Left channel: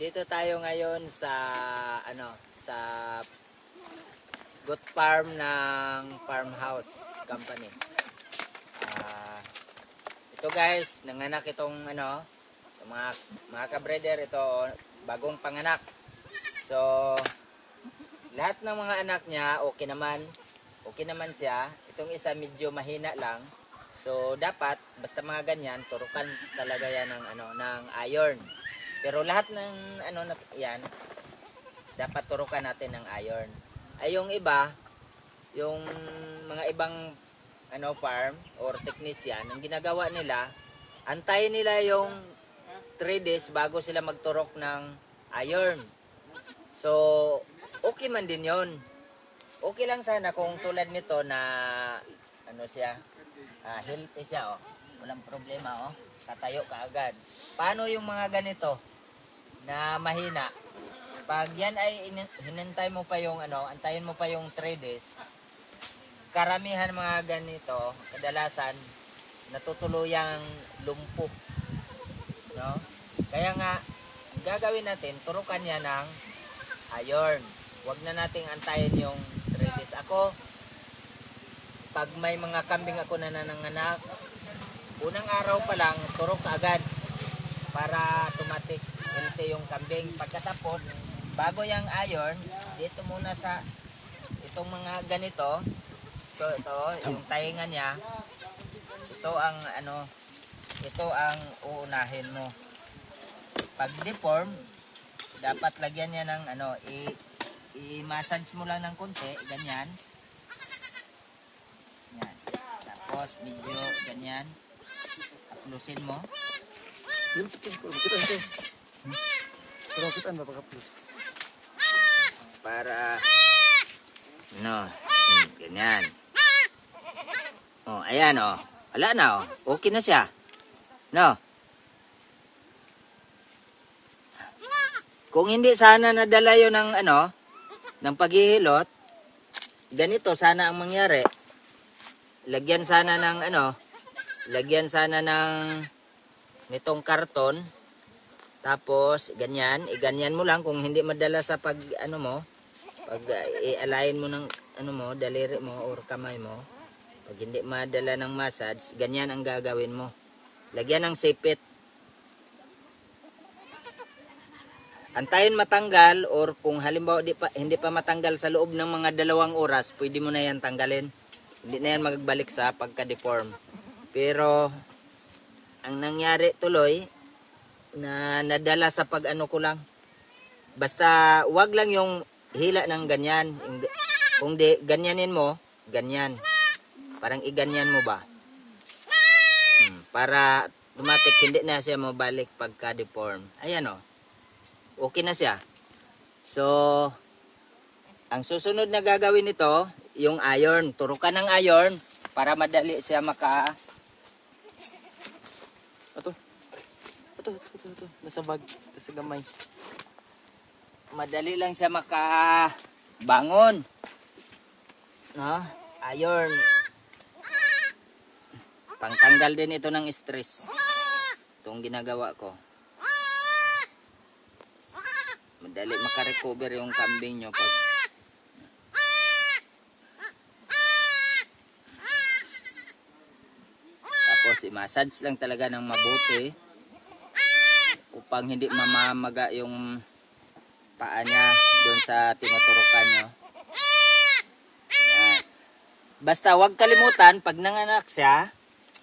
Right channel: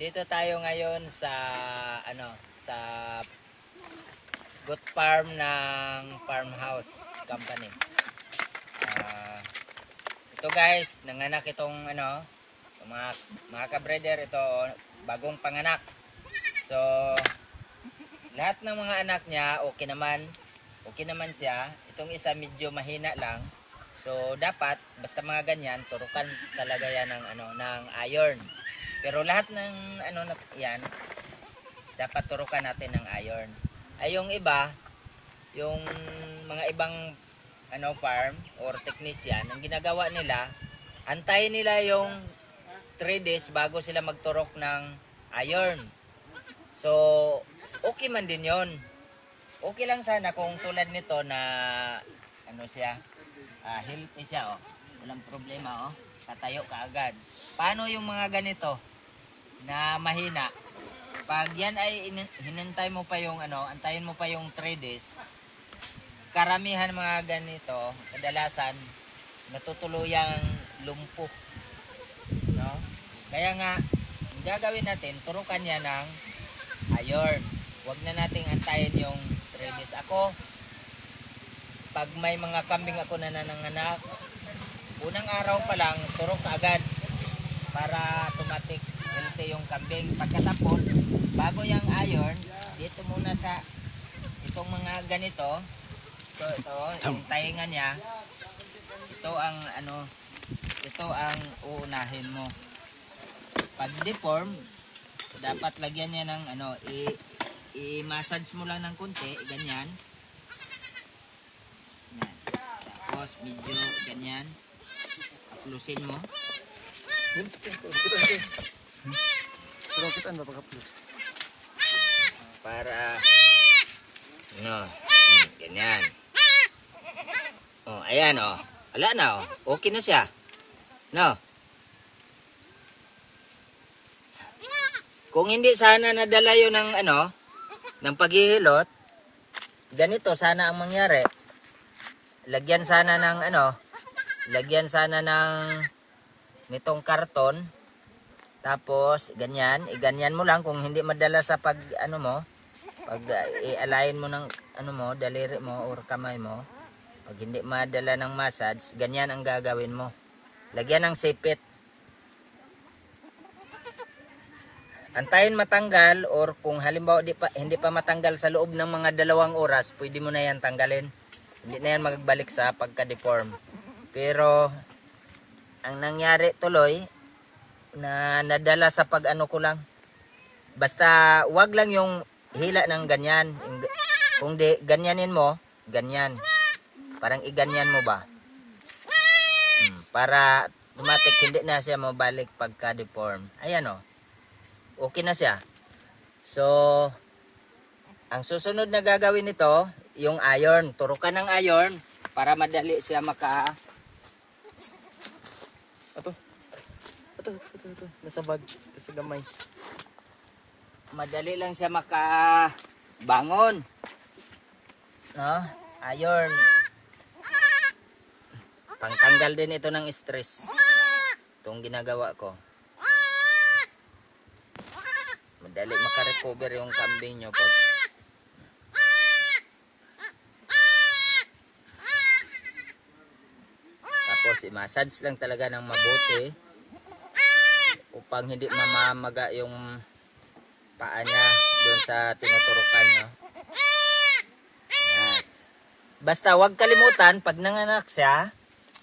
Nandito tayo ngayon sa sa goat farm ng Farmhouse Company. Ito guys, nanganak itong mga ka-breeder, ito bagong panganak. So lahat ng mga anak niya okay naman siya. Itong isa medyo mahina lang. So dapat basta mga ganyan, turukan talaga yan ng iron. Pero lahat ng yan dapat turukan natin ng iron. Ay yung iba, yung mga ibang farm or technician, ang ginagawa nila, antayin nila yung 3 days bago sila magturok ng iron. So okay man din yon. Okay lang sana kung tulad nito na healthy siya, walang problema, tatayo ka agad. Paano yung mga ganito na mahina? Pag yan ay hinintay mo pa yung antayin mo pa yung 3 days, karamihan mga ganito kadalasan natutuluyang lumpo, no? Kaya nga gagawin natin, turukan niya ng iron. Huwag na nating antayin yung 3 days. Ako, pag may mga kambing ako na nananganak, unang araw pa lang turok agad para automatic healthy yung kambing. Pagkatapos, bago yung iron, dito muna sa itong mga ganito. So ito, yung tainga niya, ito ang uunahin mo. Pag deform, dapat lagyan niya ng i-massage mo lang ng konti, ganyan. Yan. Tapos medyo ganyan. Aplusin mo. Para ganyan. Ayan wala na okay na siya. Kung hindi sana nadala yun ng paghihilot, ganito sana ang mangyari. Lagyan sana ng nitong karton. Tapos ganyan, iganyan mo lang kung hindi madala sa pag i-align mo ng daliri mo or kamay mo. Pag hindi madala ng massage, ganyan ang gagawin mo. Lagyan ng sipit. Antayin matanggal, or kung halimbawa hindi pa matanggal sa loob ng mga 2 oras, pwede mo na yan tanggalin. Hindi na yan magbalik sa pagka-deform. Pero ang nangyari tuloy na nadala sa ko lang. Basta wag lang yung hila ng ganyan. Kung di ganyanin mo, ganyan. Parang iganyan mo ba? Para automatic hindi na siya mabalik pagka-deform. Ayan okay na siya. So ang susunod na gagawin nito, yung iron. Turukan ng iron para madali siya Ito. Nasa bag. Nasa gamay. Madali lang siya makabangon. Iron. Pangtanggal din ito ng stress. Itong ginagawa ko. Madali makarecover yung kambing nyo pag i-massage lang talaga ng mabuti upang hindi mamamaga yung paa niya doon sa tinuturukan nyo. Basta huwag kalimutan, pag nanganak siya,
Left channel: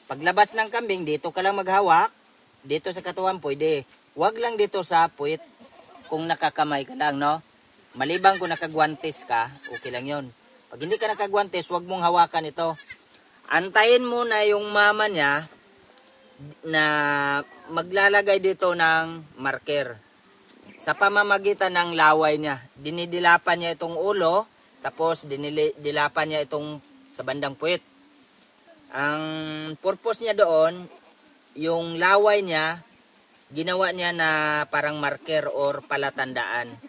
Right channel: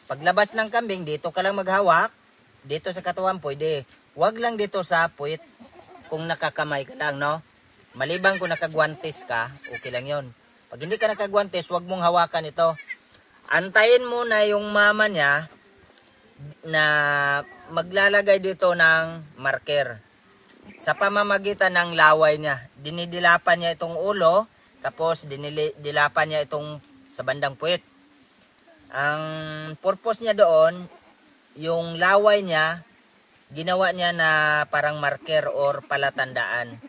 paglabas ng kambing, dito ka lang maghawak. Dito sa katawan pwede. Huwag lang dito sa puwit kung nakakamay ka lang, Malibang kung nakagwantes ka, okay lang yun. Pag hindi ka nakagwantes, huwag mong hawakan ito. Antayin mo na yung mama niya na maglalagay dito ng marker. Sa pamamagitan ng laway niya. Dinidilapan niya itong ulo, tapos dinidilapan niya itong sa bandang puwit. Ang purpose niya doon, yung laway niya, ginawa niya na parang marker or palatandaan.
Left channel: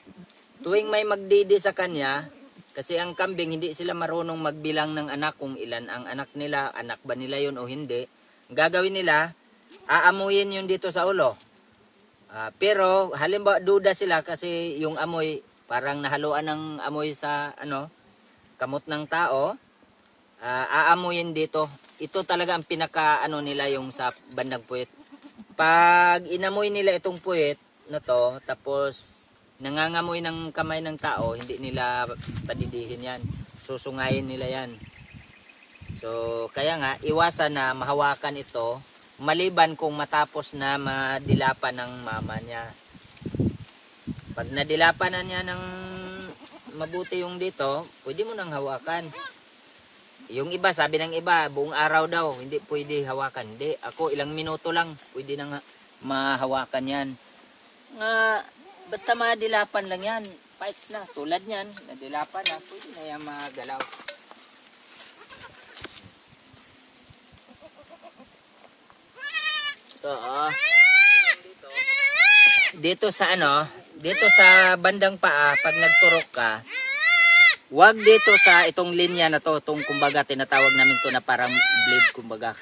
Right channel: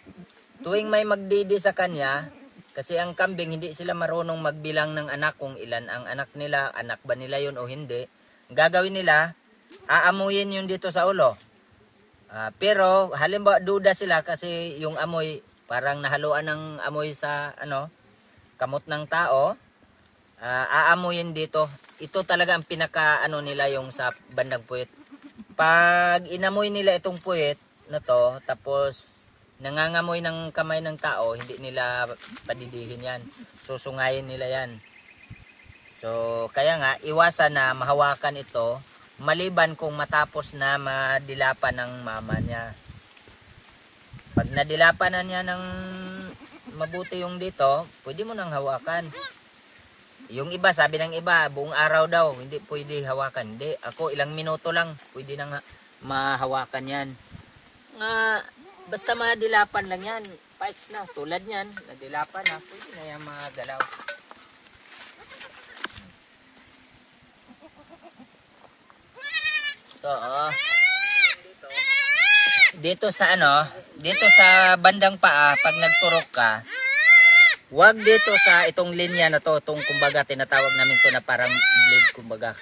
Tuwing may magdidi sa kanya, kasi ang kambing hindi sila marunong magbilang ng anak kung ilan ang anak nila, anak ba nila yun o hindi. Ang gagawin nila, aamuyin yun dito sa ulo. Pero halimbawa duda sila kasi yung amoy parang nahaluan ng amoy sa kamot ng tao, aamuyin dito. Ito talaga ang pinaka nila yung sa bandang puwit. Pag inamoy nila itong puwit na to, tapos nangangamoy ng kamay ng tao, hindi nila padidihin yan. Susungayin nila yan. So, kaya nga, iwasan na mahawakan ito, maliban kung matapos na madilapan ng mama niya. Pag nadilapan na niya ng mabuti yung dito, pwede mo nang hawakan. Yung iba, sabi ng iba, buong araw daw, hindi pwede hawakan. Hindi, ako ilang minuto lang, pwede nang mahawakan yan. Basta madilapan lang yan, parts na, tulad yan, nadilapan na, pwede na yan magalaw. Ito, dito sa dito sa bandang paa, pag nagturok ka, wag dito sa itong linya na to, itong kumbaga tinatawag namin to na parang blade kumbaga.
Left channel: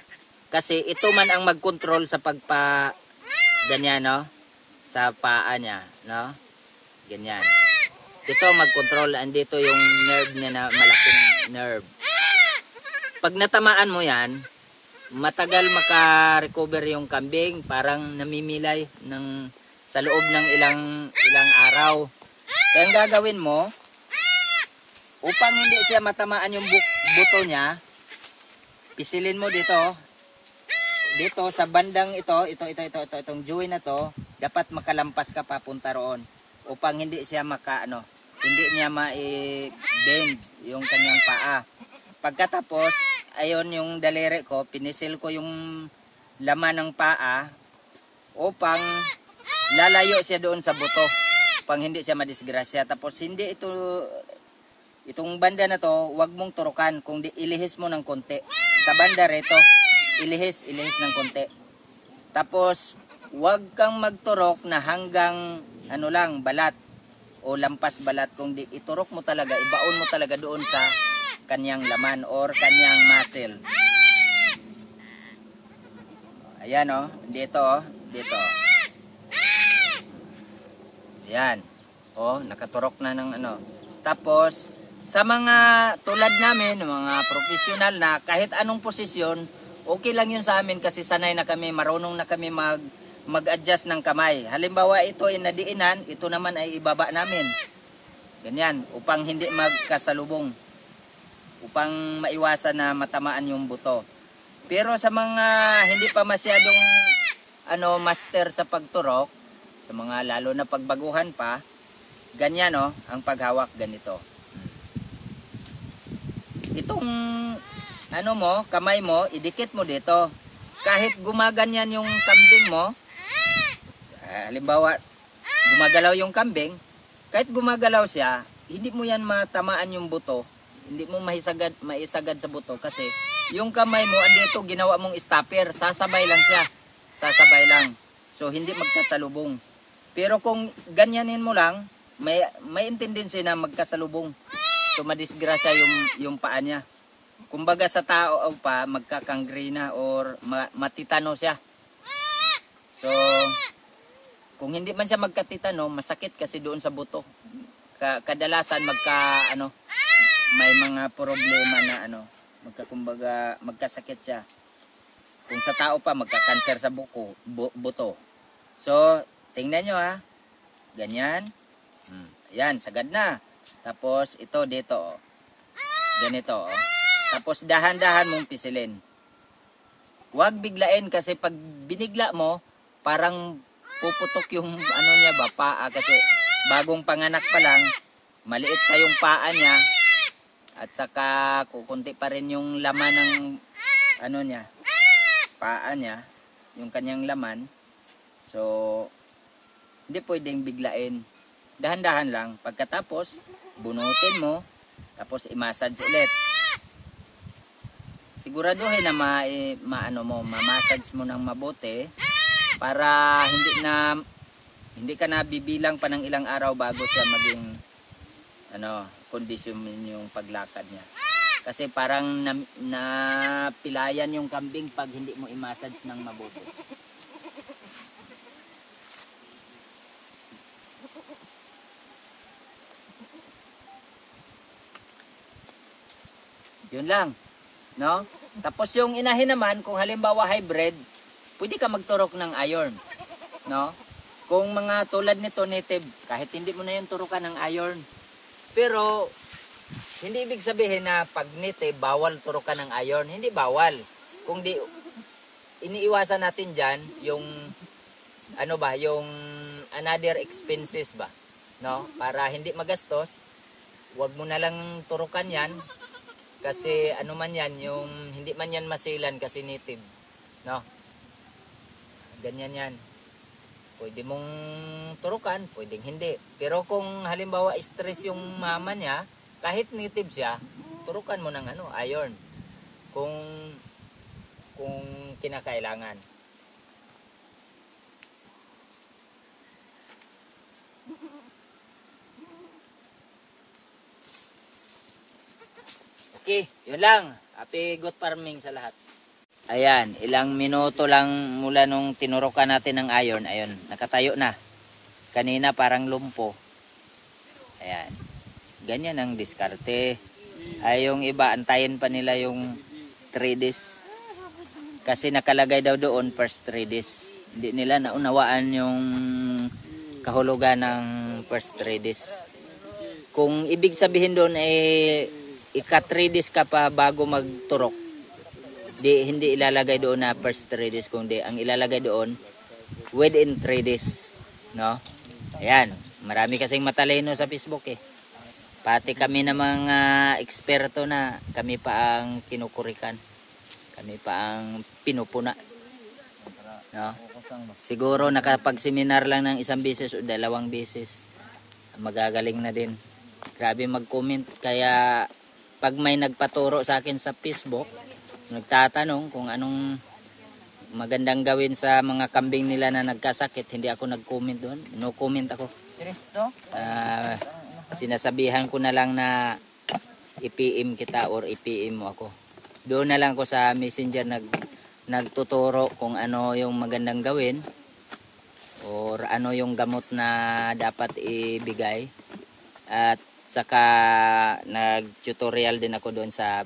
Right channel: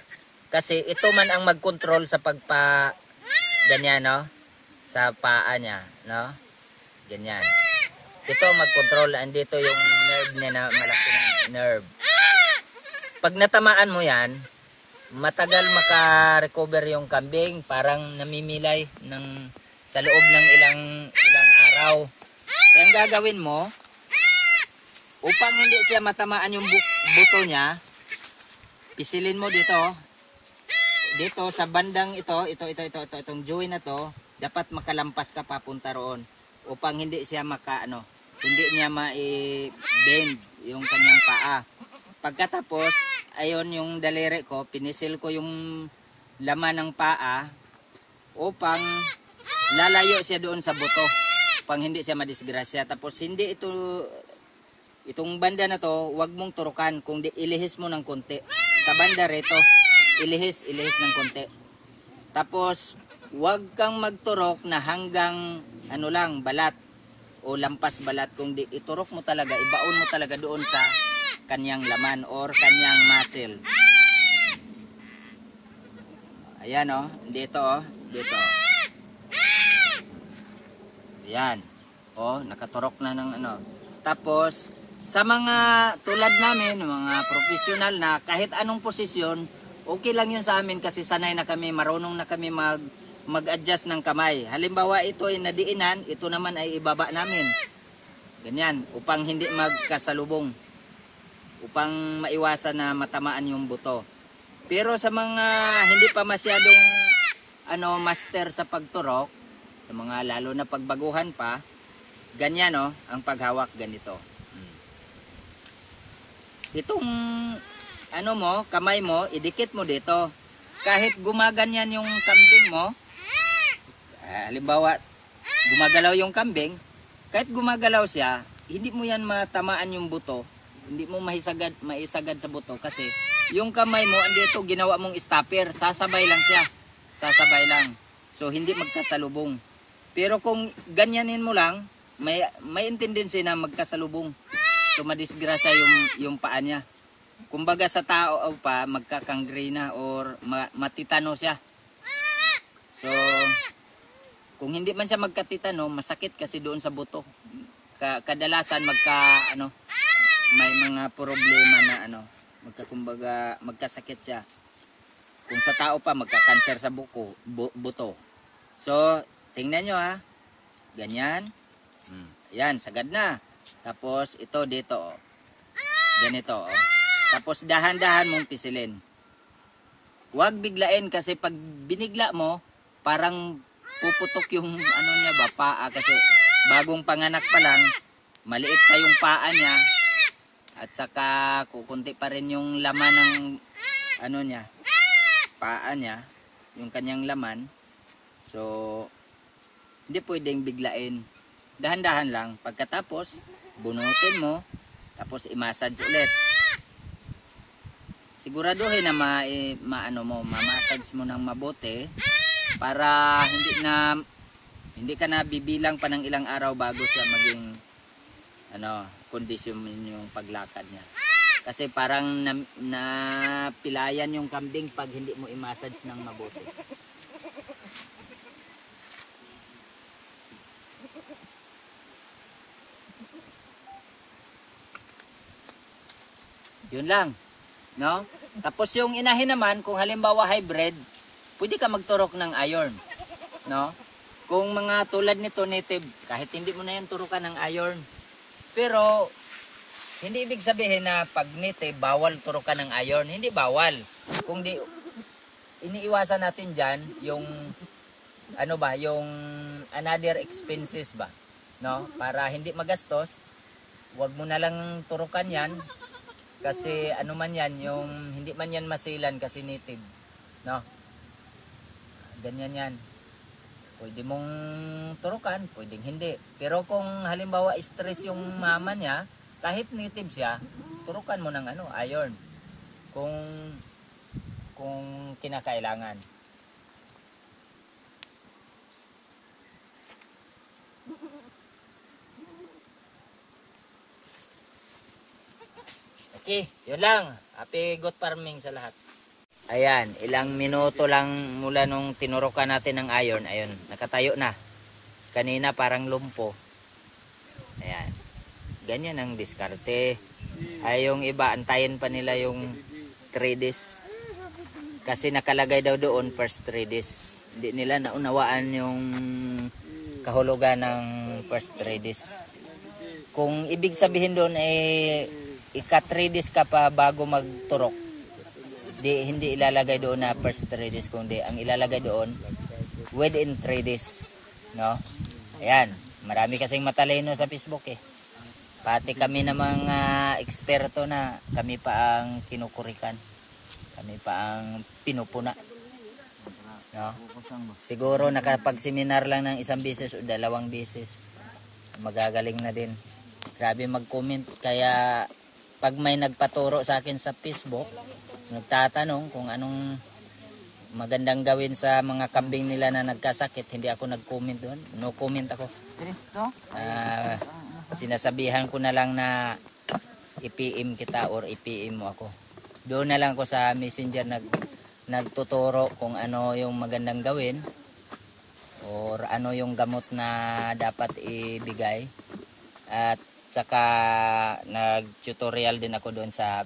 Kasi ito man ang mag-control sa ganyan, sa paa niya, ganyan. Ito mag-control, andito yung nerve niya na malaking nerve. Pag natamaan mo yan, matagal maka-recover yung kambing, parang namimilay sa loob ng ilang araw. Kaya ang gagawin mo, upang hindi siya matamaan yung buto niya, pisilin mo dito sa bandang itong joint na to, dapat makalampas ka papunta roon upang hindi siya hindi niya ma-bend yung kanyang paa. Pagkatapos, ayon yung daliri ko, pinisil ko yung laman ng paa upang lalayo siya doon sa buto upang hindi siya madisgrasya. Tapos itong banda na to, wag mong turukan, kung ilihis mo ng konti. Sa banda rito, ilihis ng konti. Tapos, wag kang magturok na hanggang balat o lampas balat. Kung iturok mo talaga, ibaon mo talaga doon sa kanyang laman or kanyang muscle. Ayan dito dito. Ayan. Nakaturok na ng Tapos, sa mga tulad namin, mga professional na kahit anong posisyon, okay lang yun sa amin kasi sanay na kami, marunong na kami mag-adjust ng kamay. Halimbawa ito ay nadiinan, ito naman ay ibaba namin. Ganyan, upang hindi magkasalubong. Upang maiwasan na matamaan yung buto. Pero sa mga hindi pa masyadong master sa pagturok, sa mga lalo na pagbaguhan pa, ganyan ang paghawak ganito. Itong kamay mo, idikit mo dito. Kahit gumaganyan yung kambing mo, halimbawa, gumagalaw yung kambing, kahit gumagalaw siya, hindi mo yan matamaan yung buto, hindi mo maisagad sa buto kasi yung kamay mo, andito ginawa mong stopper, sasabay lang siya, sasabay lang. So, hindi magkasalubong. Pero kung ganyanin mo lang, may tendency na magkasalubong. So, madisgrasya yung paa niya. Kumbaga sa tao pa, magkakangrena or matitano siya. So, kung hindi man siya magkatitano, masakit kasi doon sa buto. Kadalasan may mga problema na magkasakit siya. Kung sa tao pa, magka-cancer sa buto. So, tingnan nyo ganyan. Yan, sagad na. Tapos, ito dito, ganito, Tapos, dahan-dahan mong pisilin. Huwag biglain kasi pag binigla mo, parang puputok yung niya paa. Kasi bagong panganak pa lang, maliit pa yung paa niya. At saka, kukunti pa rin yung laman ng, niya, paa niya, yung kanyang laman. So, hindi pwedeng biglain. Dahan-dahan lang. Pagkatapos, bunutin mo, tapos i-massage ulit. Siguraduhin na ma-massage mo ng mabuti para hindi ka na bibilang pa ng ilang araw bago siya maging kondisyon yung paglakad niya. Kasi parang napilayan yung kambing pag hindi mo i-massage ng mabuti. Yun lang. No? Tapos yung inahin naman, kung halimbawa hybrid, pwede ka magturok ng iron. No? Kung mga tulad nito native, kahit hindi mo na yan turukan ng iron. Pero, hindi ibig sabihin na pag native, bawal turukan ng iron. Hindi bawal. Kung di, iniiwasan natin dyan, yung, yung another expenses ba? No? Para hindi magastos, wag mo na lang turukan yan. Kasi ano man yan, yung hindi man yan masilan kasi native. No? Ganyan yan. Pwede mong turukan, pwedeng hindi. Pero kung halimbawa stress yung mama niya, kahit native siya, turukan mo ng iron. Kung kinakailangan. Okay, yun lang. Happy good farming sa lahat. Ayan, ilang minuto lang mula nung tinurukan natin ng iron. Ayun, nakatayo na. Kanina parang lumpo. Ayan. Ganyan ang diskarte. Ay yung iba, antayin pa nila yung 3 days. Kasi nakalagay daw doon first 3 days. Hindi nila naunawaan yung kahulugan ng first 3 days. Kung ibig sabihin doon ay ika 3 days ka pa bago magturok, hindi ilalagay doon na first 3 days, kundi ang ilalagay doon within 3 days. No? Ayan, marami kasing matalino sa Facebook eh. Pati kami na mga eksperto na, kami pa ang kinukurikan. Kami pa ang pinupuna. No? Siguro nakapag-seminar lang ng 1 beses o 2 beses, magagaling na din. Grabe mag-comment, kaya pag may nagpaturo sa akin sa Facebook, nagtatanong kung anong magandang gawin sa mga kambing nila na nagkasakit, hindi ako nag-comment doon. No comment ako. Sinasabihan ko na lang na i-PM kita or i-PM mo ako. Doon na lang ko sa messenger nagtuturo kung ano yung magandang gawin or ano yung gamot na dapat ibigay. At saka nag-tutorial din ako doon sa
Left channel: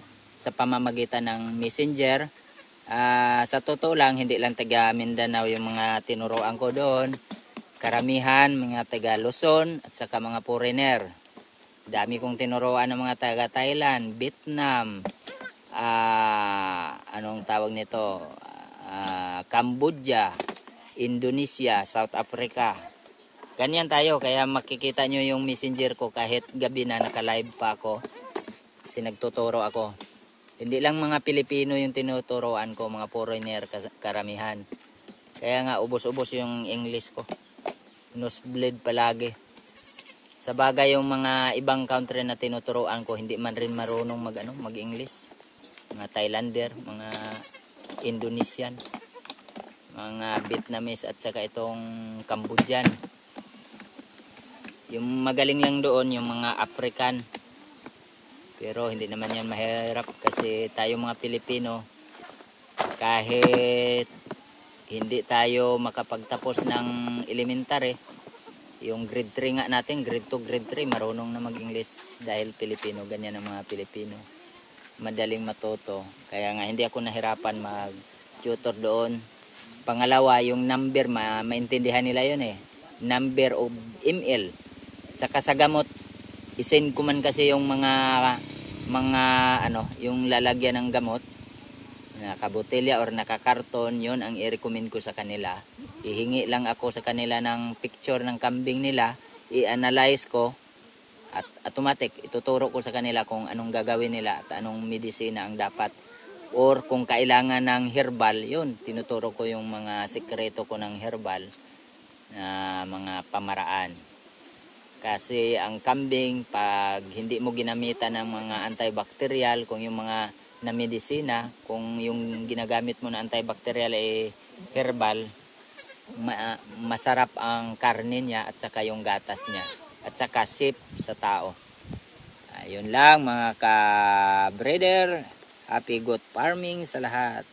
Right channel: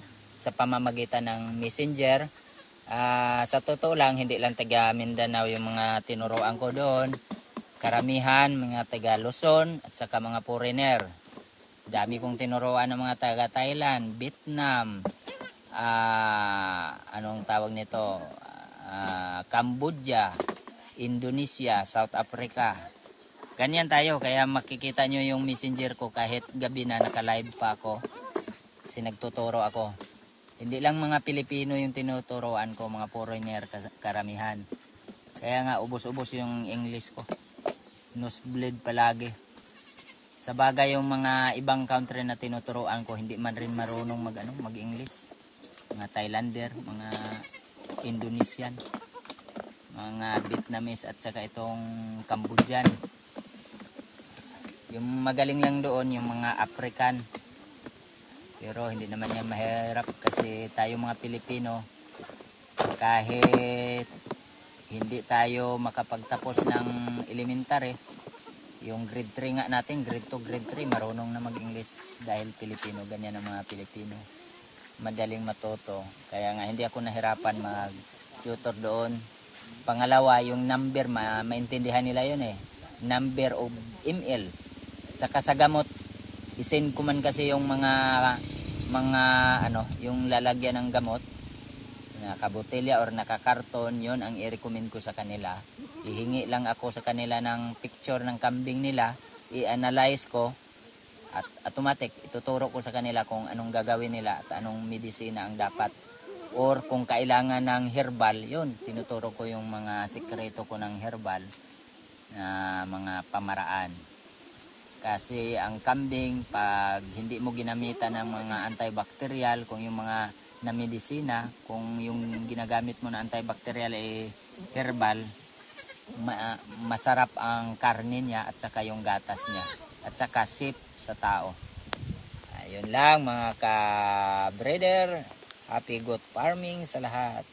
pamamagitan ng messenger. Sa totoo lang, hindi lang taga Mindanao yung mga tinuruan ko doon. Karamihan mga taga Luzon at saka mga foreigner. Dami kong tinuruan ng mga taga Thailand, Vietnam, anong tawag nito, Cambodia, Indonesia, South Africa. Ganyan tayo, kaya makikita nyo yung messenger ko kahit gabi na naka-live pa ako. Kasi nagtuturo ako. Hindi lang mga Pilipino yung tinuturoan ko, mga foreigner karamihan. Kaya nga ubos-ubos yung English ko. Nosebleed palagi. Sa bagay yung mga ibang country na tinuturoan ko, hindi man rin marunong mag-English. Mga Thailander, mga Indonesian, mga Vietnamese at saka itong Cambodian. Yung magaling lang doon yung mga African. Pero hindi naman yan mahirap kasi tayo mga Pilipino, kahit hindi tayo makapagtapos ng elementary, yung grade 3 nga natin, grade 2, grade 3, marunong na mag-English dahil Pilipino. Ganyan ang mga Pilipino. Madaling matuto. Kaya nga hindi ako nahirapan mag-tutor doon. Pangalawa, yung number, maintindihan nila yun eh. Number of ml. Saka sa gamot, isend ko man kasi yung mga yung lalagyan ng gamot, nakabotelya or nakakarton, yun ang i-recommend ko sa kanila. Ihingi lang ako sa kanila ng picture ng kambing nila, i-analyze ko, at automatic ituturo ko sa kanila kung anong gagawin nila at anong medisina ang dapat. Or kung kailangan ng herbal, yun, tinuturo ko yung mga sikreto ko ng herbal na mga pamaraan. Kasi ang kambing, pag hindi mo ginamitan ng mga antibacterial, kung yung mga na medisina, kung yung ginagamit mo na antibacterial ay herbal, masarap ang karne niya at saka yung gatas niya. At saka safe sa tao. Ayun lang mga ka-breeder. Happy good farming sa lahat.